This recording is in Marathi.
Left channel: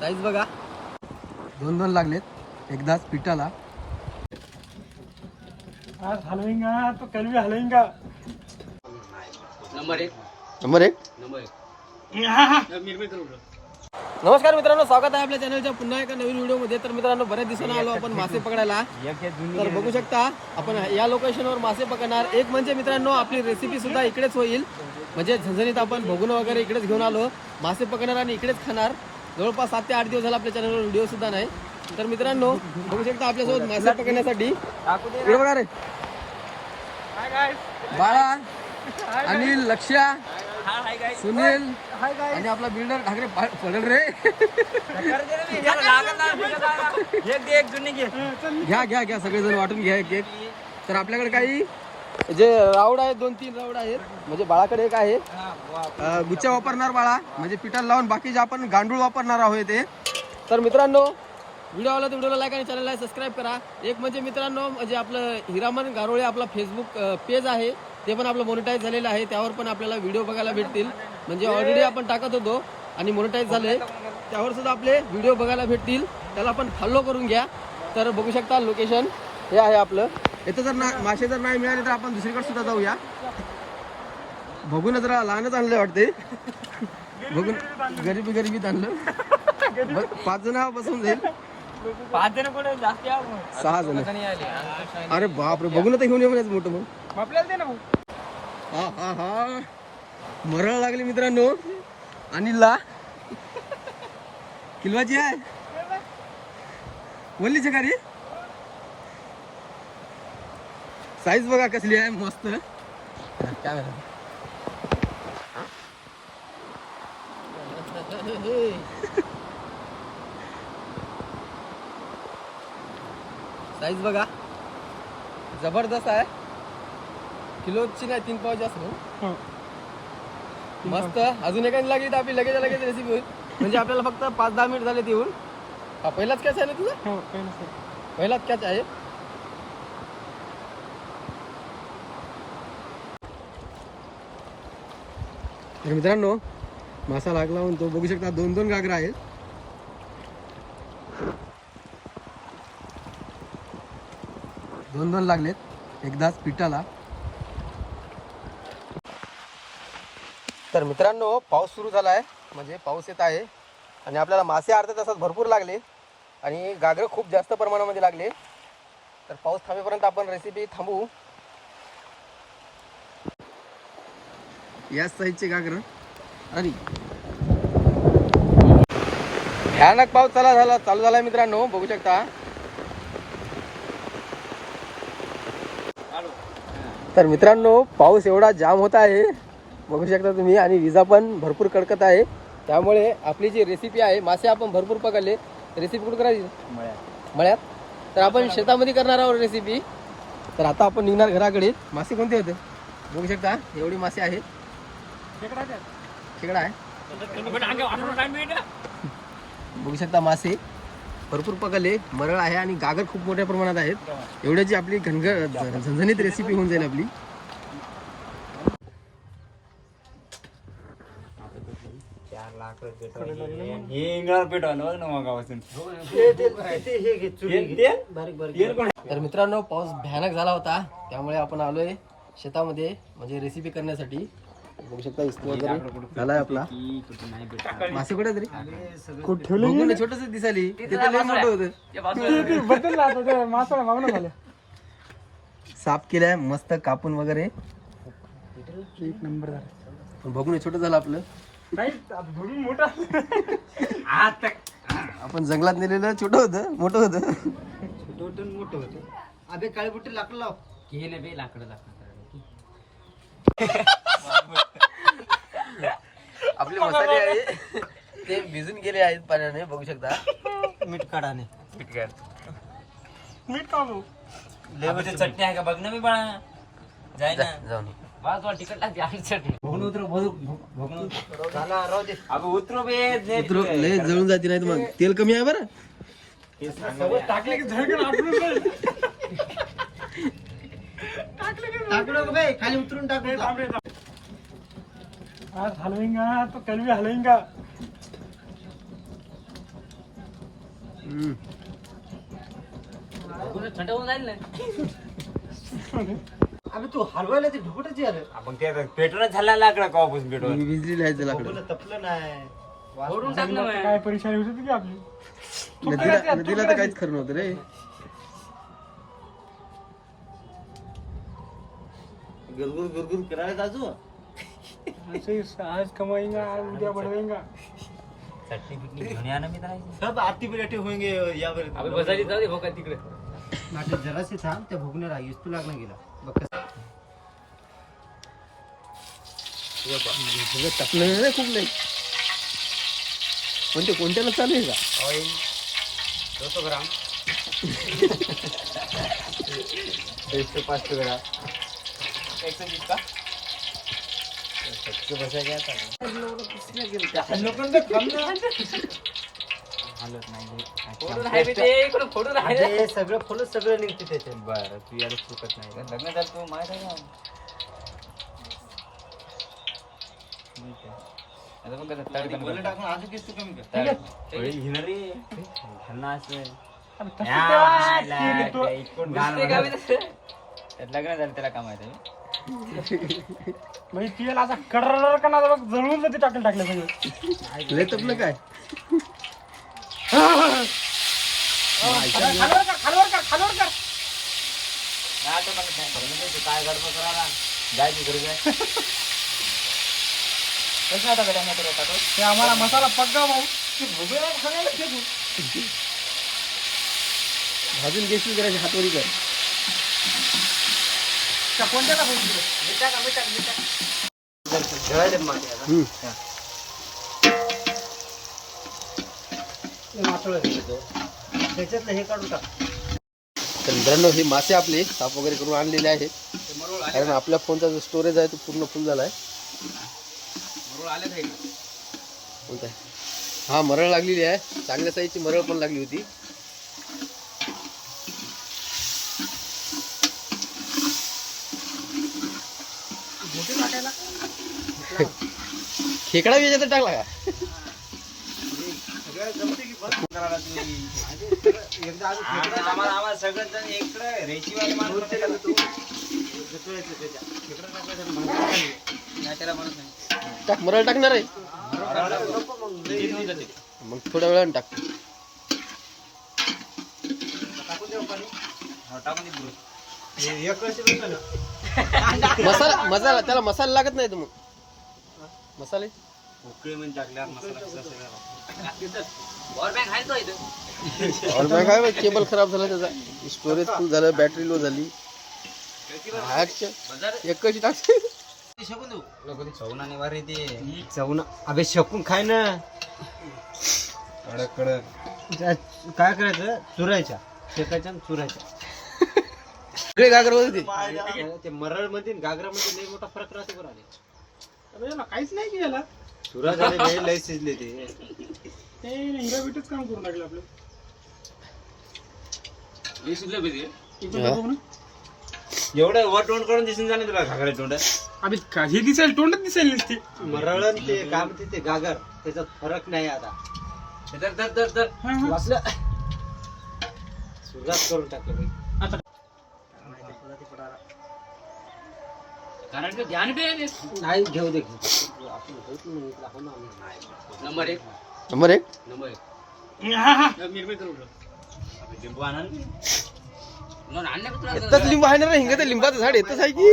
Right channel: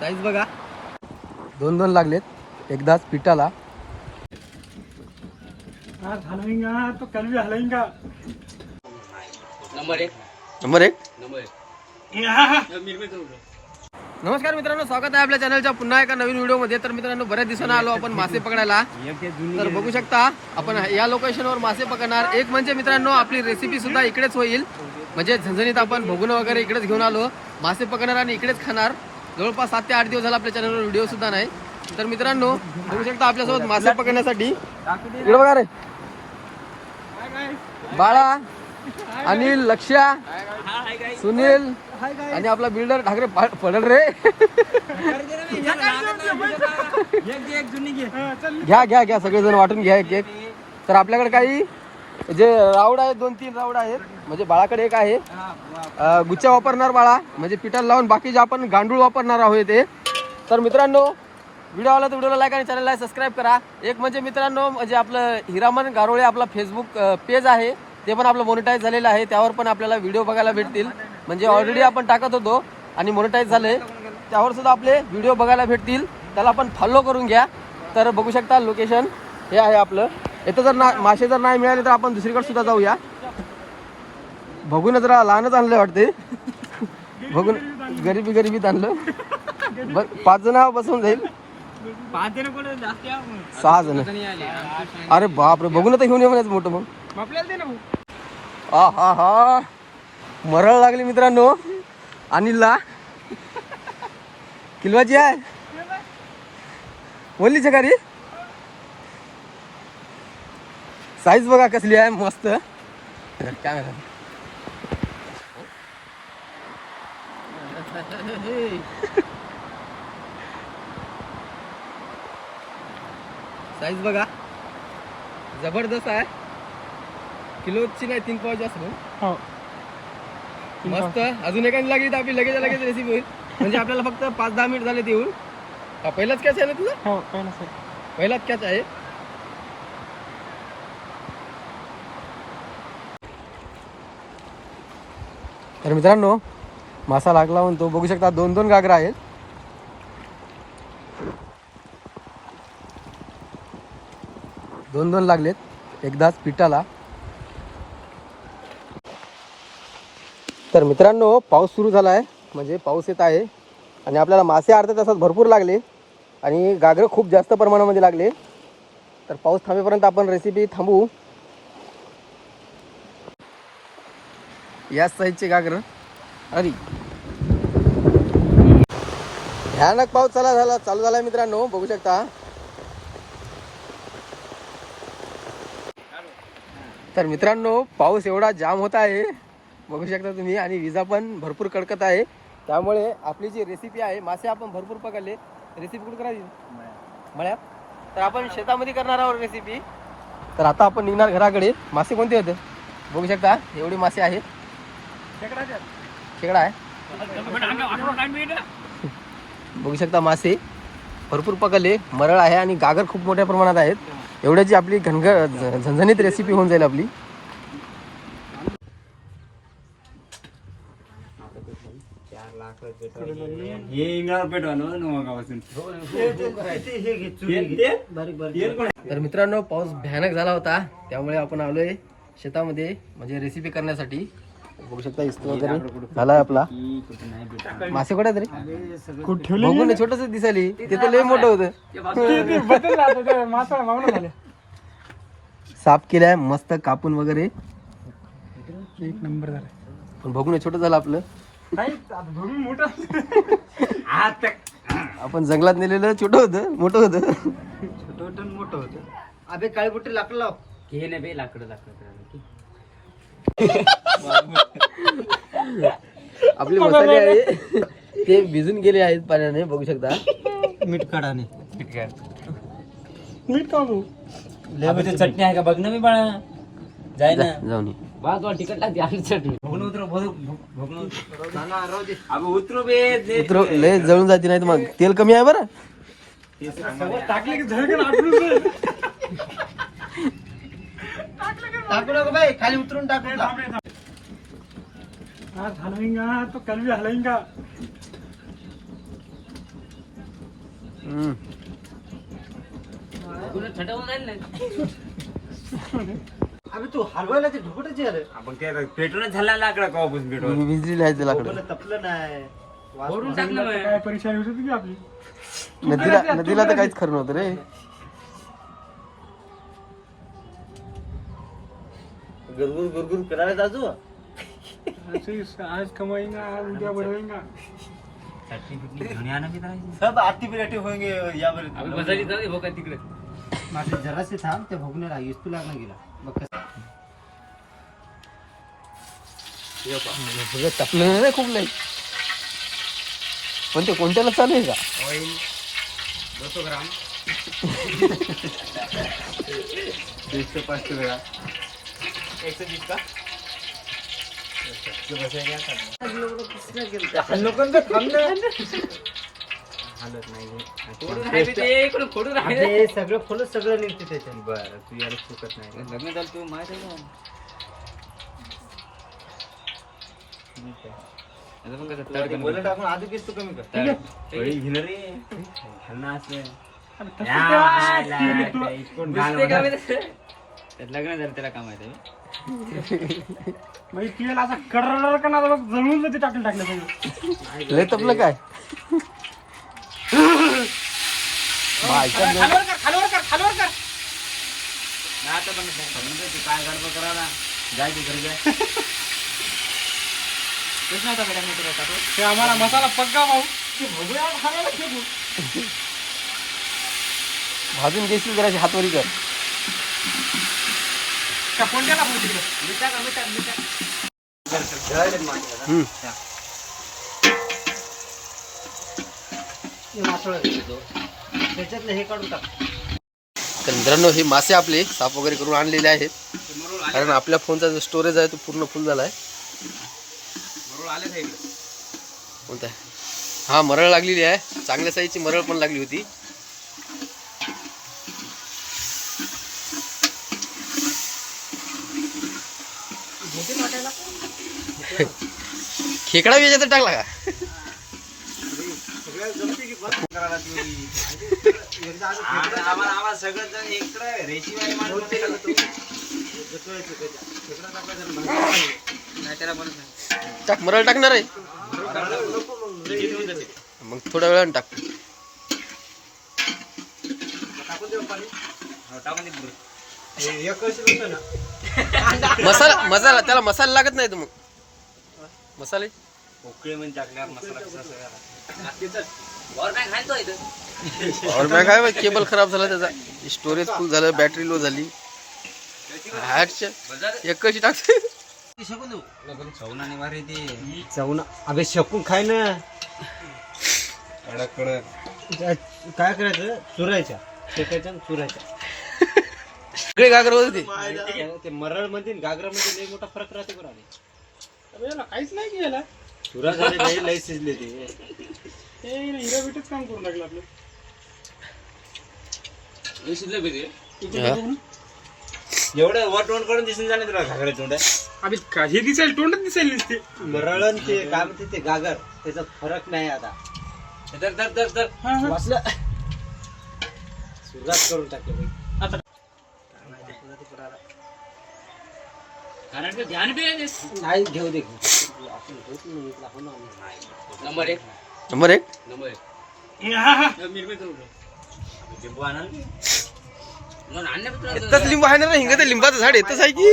साईज बघा. दोन दोन लागलेत. एकदाच पिठाला. तो कल भी हलवेंगा. नंबर एक. नमस्कार मित्रांनो स्वागत आहे आपल्या चॅनलच्या पुन्हा एका नवीन व्हिडिओमध्ये. तर मित्रांनो बऱ्याच दिवसांना आलो आपण मासे पकडायला. तर बघू शकता आपण या लोकेशनवर मासे पकडणार. एक म्हणजे मित्रांनो आपली रेसिपी सुद्धा इकडेच होईल. म्हणजे झणझणीत आपण भोगून वगैरे इकडेच घेऊन आलो. मासे पकडणार आणि इकडेच खाणार. जवळपास सात ते आठ दिवस झाला आपल्या चॅनलवर व्हिडिओ सुद्धा नाही. तर मित्रांनो बघू शकता आपल्यासोबत मासे पकडण्यासाठी. इकडे बघा रे. बाळा अनिल लक्ष्या सुनील आणि आपला बिल्डर ठाकरे पडल रे. घ्या घ्या घ्या सगळेजण वाटून घ्या एक एक. तर आपल्याकडे काही जे राऊड आहेत दोन तीन राऊड आहेत. म्हणजे बाळाकडे एक आहे. गुच्छा वापरणार बाळा. म्हणजे पिठाला लावून बाकी जे आपण गांडूळ वापरणार आहोत ते तर मित्रांनो व्हिडिओ आला तर व्हिडिओला लाईक आणि चॅनलला सबस्क्राईब करा. एक म्हणजे मित्रांनो म्हणजे आपलं हिरामन गारोळे आपला फेसबुक पेज आहे. ते पण आपलं मोनिटाईज झालेलं आहे. त्यावर पण आपल्याला व्हिडिओ बघायला भेटतील. म्हणजे ऑलरेडी आपण टाकत होतो आणि मोनिटाईज झालंय. त्यावर सुद्धा आपले व्हिडिओ बघायला भेटतील. त्याला आपण फॉलो करून घ्या. तर बघू शकता लोकेशन हे आहे आपलं. इथं जर ना मासे जर नाही मिळाले तर आपण दुसरीकडे सुद्धा जाऊया. बघून जरा लहानच आणलं वाटते बघून गरिबी गरिबीत आणलं. पाच जण बसवून जाईल. पाच जण जास्त सहा जण. अरे बापरे बघून तर घेऊन ये म्हणायचं मोठं मग. आपल्याला दे ना हा हा हा. मरळ लागली मित्रांनो. अनिलला किलवाची आहे. बोलली का रे? साईज बघा कसली आहे मस्त. काय साईज बघा. जबरदस्त आहे. किलोची नाही तीन पावची असेल ना? हो. मस्त. अजून एकाने लागली आपली लगेच लगेच रेसिपी होईल. म्हणजे आपल्याला फक्त पाच दहा मिनिट झाले ते येऊन हा पहिलाच कॅच आहे ना तुझा? हो काही नसेल. पहिलाच कॅच आहे. तर मित्रांनो मासा लागला म्हणतो. बघू शकता दोन दोन गागरा आहेत. दोन दोन लागलेत. एकदाच पिठाला. तर मित्रांनो पाऊस सुरू झाला आहे म्हणजे पाऊस येत आहे. आणि आपल्याला मासे अर्ध्या तासात भरपूर लागले. आणि गागरं खूप जास्त प्रमाणामध्ये लागले. तर पाऊस थांबेपर्यंत आपण रेसिपी थांबवू. याच साईजचे गागरं. अरे. भयानक पाऊस चाला झाला चालू झाला मित्रांनो. बघू शकता. तर मित्रांनो पाऊस एवढा जाम होत आहे. बघू शकता तुम्ही. आणि विजा पण भरपूर कडकत आहे. त्यामुळे आपली जी रेसिपी आहे मासे आपण भरपूर पकडले. रेसिपी कुठं करायची? मळ्यात. तर आपण शेतामध्ये करणार आहोत रेसिपी तर आता आपण निघणार घराकडे. मासे कोणते होते? बघू शकता. एवढे मासे आहेत. खेकडा आहे. बघू शकता मासे. भरपूर पकडले. मरळ आहे आणि गागर खूप मोठ्या प्रमाणात आहेत. एवढ्याची आपली घनघ झणझणीत रेसिपी होऊन जाईल आपली. हे ना मग गावातून. तर मित्रांनो पाऊस भयानक झाला होता. त्यामुळे आपण आलोय शेतामध्ये म्हणजे रेसिपी करण्यासाठी. बघू शकता वगैरे झालाय आपला. मासे कुठे तरी? बघून छोटस दिसायली. ते तर लय मोठं होतं. साफ केलाय मस्त कापून वगैरे. एक नंबर झाला. पण बघून छोटं झालं आपलं. आपण जंगलात नेलेलं छोटं होतं मोठं होतं. छोटं मोठं होतं. अबे काळे कुठे लाकडं लाव. घे ना बे लाकडं लाकडं आपले मसाले आहे. ते भिजून गेले आहेत पाण्याने बघू शकता. मीठ काढाने. मीठ काढ मीठ चटणी आहे का? बघ ना मी बाळा. जाय ना. जाऊन. बघ तिकट लागते आधी चटणी. उतरू लय जळून जाते नाही मग. तेल कमी आहे बरं? टाकले की झळकन आपलं टाकू नको बाई खाली उतरून टाकू. आज हलवेंगा तो कल भी हलवेंगा. हम्म. अबे तू हलवायला ते ढुकटच आपण ते आता पेटूनच झाला लाकडा ते कोणाला तपलं नाही. टाकलं मग. काय परीक्षा होती की आपली? नदीला नदीला तर काहीच खरं नव्हतं रे. गुरगुर गुरगुर करायला ऐसे ही आज कमाएंगा आज उद्या बढ़ाएंगा चटणी बिटणी घेऊन या ना मी करायची सब आती बिराटी होंगे यावर. आपण बसायची जाऊ दे भोका तिकडे. माझे जरासे थांब त्या भोगण्याला इस्तू लागून गेला. बघ कसं सगळं तापलं नाही खूप नाही पण ते कोणत्याला चालू आहे का? ऑइल दोनशे ग्राम. एकशे पाच ग्राम. एकशे वीस का? हालत नाही सगळं फुलं सगळं निघते त्याच्यात. बरं तू याला चुकत नाही. लग्न झालं तू माहीत आहे कमी कमी असं. लग्न झालं त्याला काय माहिती आहे? बाई तेल आता कर्र का ना जळून जाते टाकून टाकलं सगळं. तपलं काय? खालवर कर खालवर कर खालवर कर नाही आता पण सांगितलं ते काय गडबड जाय घरी जाय. कसं आता गड्या मी तुला टाकू? ते आम्हाला मसाला पक्का भाऊ. भाजून घेशील जराशी हातवरी कर. त्या कोणत्याला भाऊ तिकडे. मासोळा घेतो त्याच्यातलं हे काढून टाक. तर मित्रांनो हे मासे आपले साफ वगैरे करून आणलेले आहेत. कारण आपल्या फोनचा जो स्टोरेज आहे तो पूर्ण फुल झाला आहे. कोणता? हा मरळ लागलेली आहे. चांगल्या साईजची मरळ पण लागली होती. खेकडा बी याच्यात टाकला का? टाक मरळ टाकणार आहे. मग थोड्या वेळानं टाक. मसाला मसाला त्याला मसाला लागत नाही तर मग. मसाले ओके म्हणजे टाकल्यावर मसाला? Power bank आहे तो इथं. काय केबल खराब झाला त्याचा. स्टोरेज फुल झालं बॅटरी लो झाली. एक कशी टाकते चवना अबे शकून खाय ना. कडक कडक. काय करायचं? चुरायच्या. शेकायच्या चुरायच्या. सगळे करत होते ते. मरळमध्ये गागरा मध्ये लय मोठा फरक राहते बरं. काहीच नाही केलं चुरा झाले लय लय शिजले ते. ते हिरा बिटच काम करून टाकलं आपलं. इकडं हा. बघू ना. एवढं वटवण करून दिसून जाणे तुला घागरा तोंड? अबे का- हे दिसेल तोंडच दिसेल नुसते मरळ आणि ते काय म्हणते ते गागर त्याचा फरक नाही आता. तर तर तर तर हा, हा. वाचलं? सुरुवात करून टाकलं बाई. आता. कारण की ध्यान बी आहे नाही घेऊ दे घेऊ आपण होत नाही इथला हो ना आम्ही. नंबर एक. नंबर एक? नंबर एक. हा, हा. लिंबू आणा येतच लिंबू आहे ना रे हिंग ते लिंबाचं झाड येतच आहे की?